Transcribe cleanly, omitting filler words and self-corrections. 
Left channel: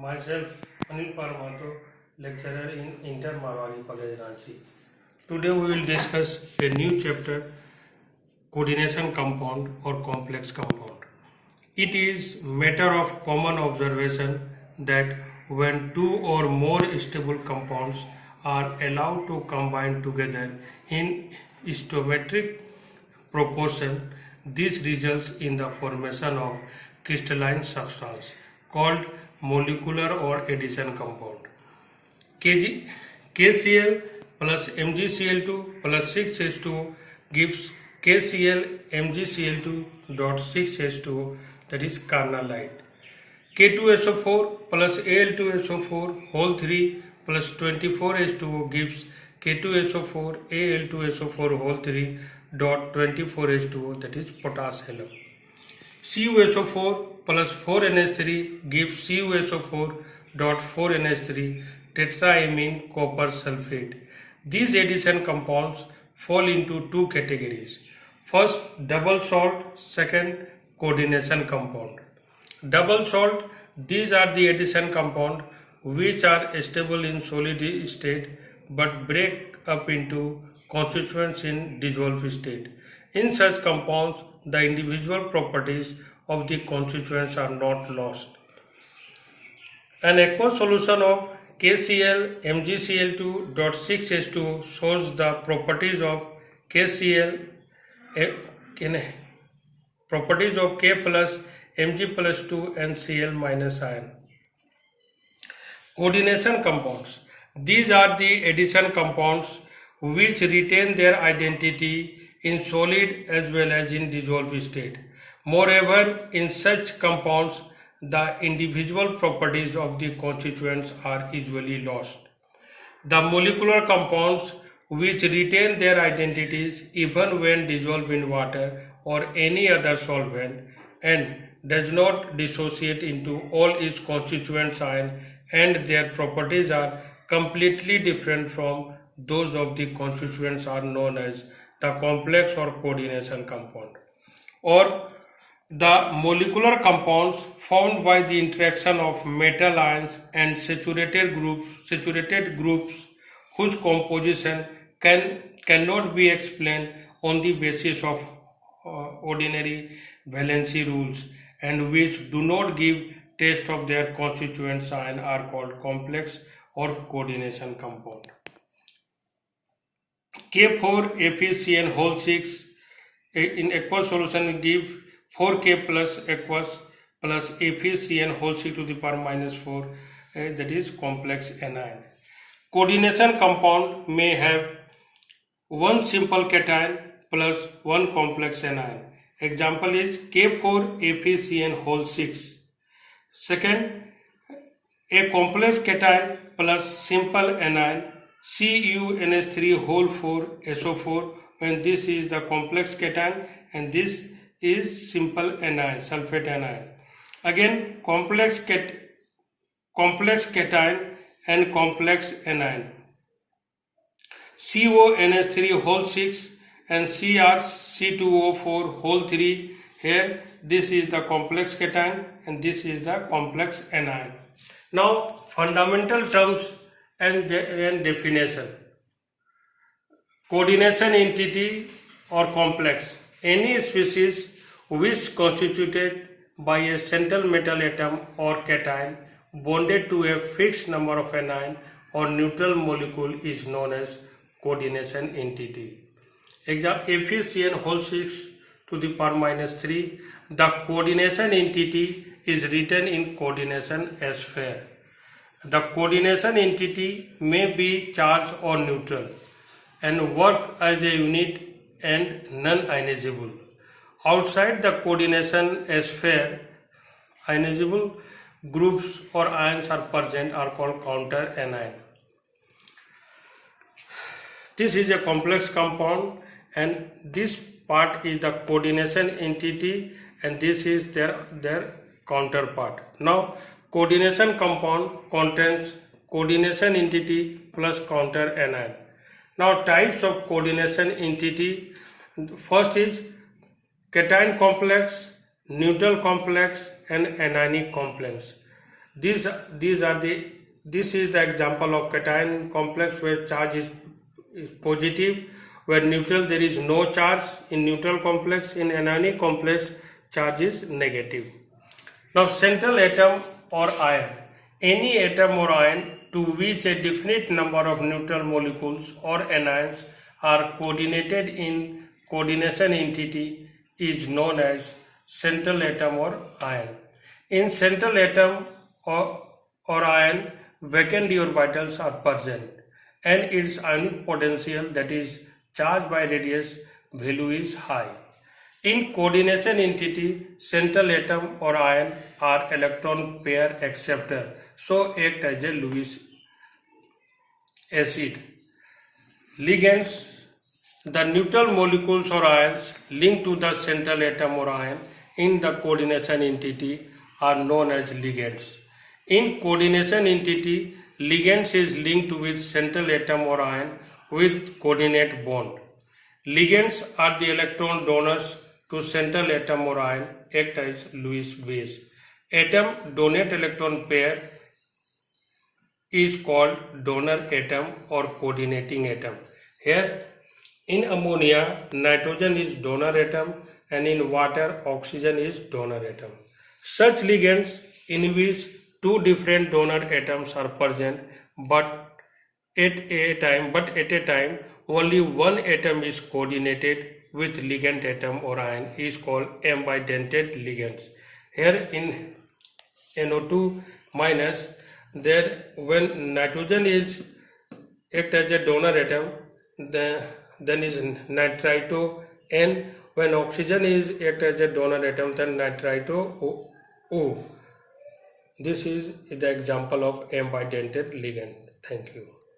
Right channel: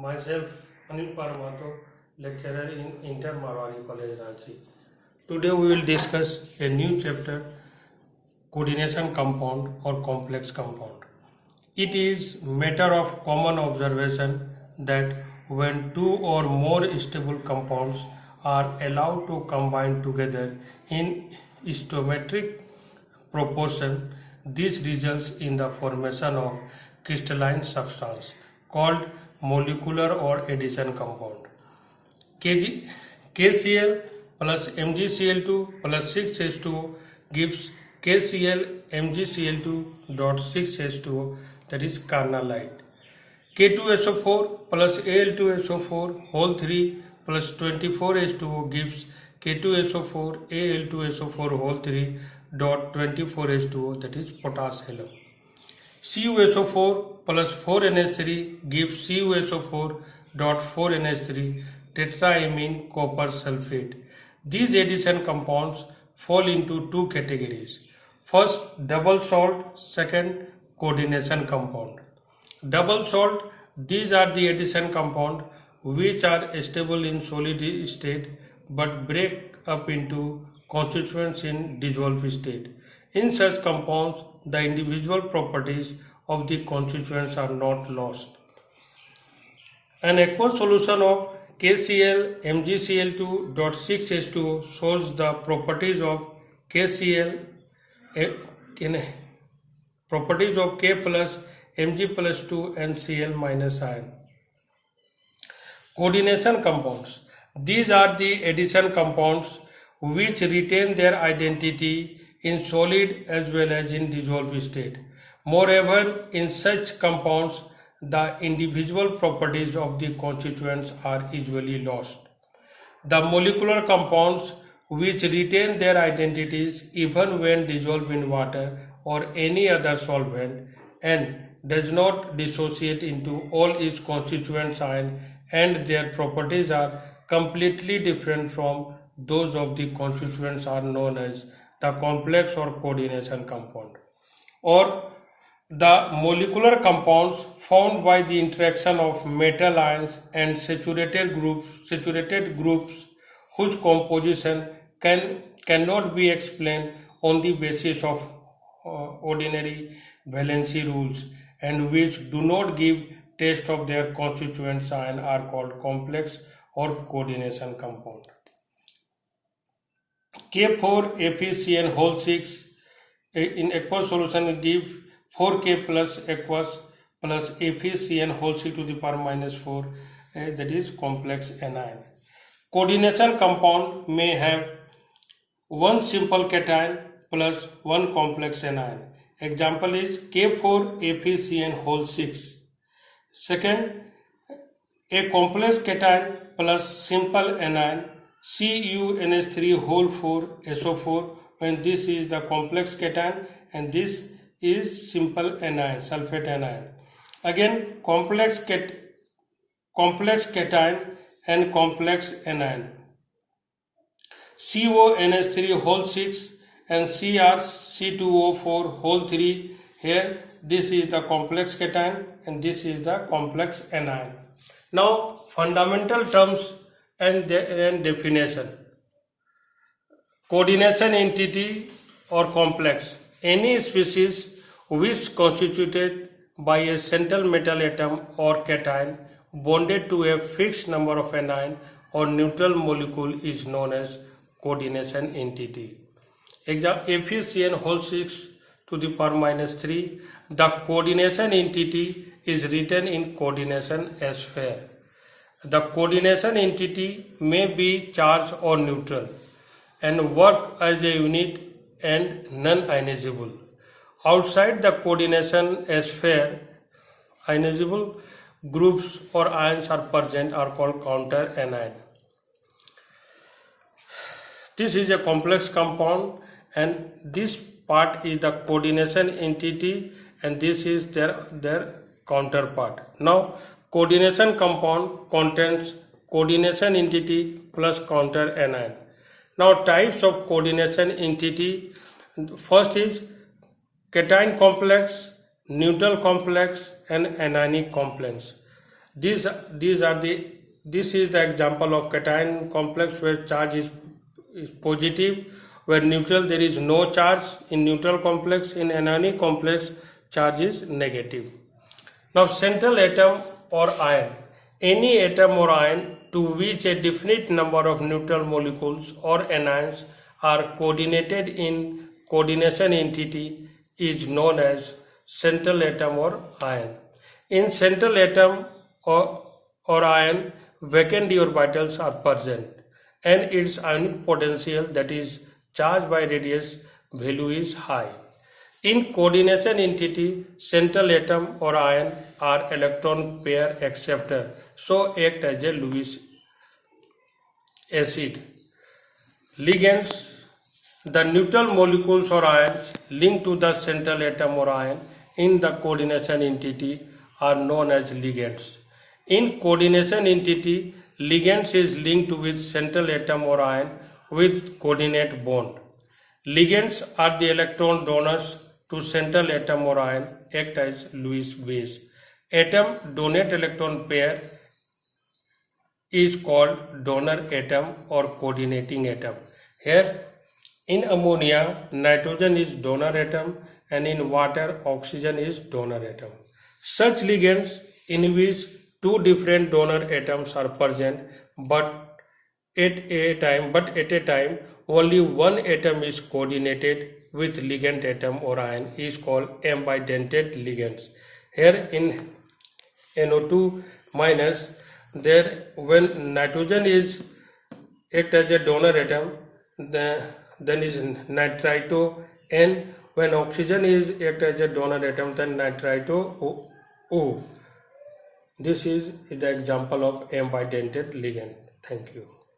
Myself, Anil Paramato, lecturer in Inter Marwari College, Ranchi. Today we will discuss a new chapter, coordination compound or complex compound. It is matter of common observation that when two or more stable compounds are allowed to combine together in stoichiometric proportion, this results in the formation of crystalline substance called molecular or addition compound. KCl plus MgCl2 plus 6H2O gives KCl MgCl2 dot 6H2O, that is carnallite. K2SO4 plus Al2SO4 whole 3 plus 24H2O gives K2SO4 Al2SO4 whole 3 dot 24H2O, that is potassium. CuSO4 plus 4NH3 gives CuSO4 dot 4NH3 tetraamine copper sulfate. These addition compounds fall into two categories. First, double salt. Second, coordination compound. Double salt, these are the addition compound which are stable in solid state but break up into constituents in dissolved state. In such compounds, the individual properties of the constituents are not lost. An aqueous solution of KCl MgCl2 dot 6H2O shows the properties of KCl properties of K plus Mg plus 2 and Cl minus ion. Coordination compounds. These are the addition compounds which retain their identity in solid as well as in dissolved state. Moreover, in such compounds, the individual properties of the constituents are usually lost. The molecular compounds which retain their identities even when dissolved in water or any other solvent and does not dissociate into all its constituent ions, and their properties are completely different from those of the constituents are known as the complex or coordination compound. Or the molecular compounds formed by the interaction of metal ions and saturated groups whose composition cannot be explained on the basis of ordinary valency rules and which do not give taste of their constituent ion are called complex or coordination compound. K4FeCN whole 6 in aqueous solution give 4K plus aqueous plus FeCN whole 6 to the power minus 4, that is complex anion. Coordination compound may have one simple cation plus one complex anion. Example is K4FeCN whole 6. Second, a complex cation plus simple anion CuNH3 whole 4 SO4, when this is the complex cation and this is simple anion, sulfate anion. Again, complex cation and complex anion. CONH3 whole 6 and CrC2O4 whole 3. Here, this is the complex cation and this is the complex anion. Now, fundamental terms and definition. Coordination entity or complex. Any species which constituted by a central metal atom or cation bonded to a fixed number of anion or neutral molecule is known as coordination entity. Example, FeCN whole 6 to the power minus 3. The coordination entity is written in coordination sphere. The coordination entity may be charged or neutral and work as a unit and non-ionizable. Outside the coordination sphere, ionizable groups or ions are present are called counter anion. This is a complex compound and this part is the coordination entity and this is their counterpart. Now, coordination compound contains coordination entity plus counter anion. Now, types of coordination entity. First is cation complex, neutral complex and anionic complex. This is the example of cation complex where charge is positive, where neutral there is no charge in neutral complex. In anionic complex, charge is negative. Now central atom or ion. Any atom or ion to which a definite number of neutral molecules or anions are coordinated in coordination entity is known as central atom or ion. In central atom or ion, vacant d orbitals are present and its ionic potential, that is charge by radius value, is high. In coordination entity, central atom or ion are electron pair acceptor, so act as a Lewis acid. Ligands. The neutral molecules or ions linked to the central atom or ion in the coordination entity are known as ligands. In coordination entity, ligands is linked with central atom or ion with coordinate bond. Ligands are the electron donors to central atom or ion, act as Lewis base. Atom donate electron pair is called donor atom or coordinating atom. Here, in ammonia, nitrogen is donor atom, and in water, oxygen is donor atom. Such ligands in which two different donor atoms are present, but at a time only one atom is coordinated with ligand atom or ion is called ambidentate ligands. Here in NO2 minus, there when nitrogen is act as a donor atom, then is nitrito N. When oxygen is act as a donor atom, then nitrito O. This is the example of ambidentate ligand. Thank you.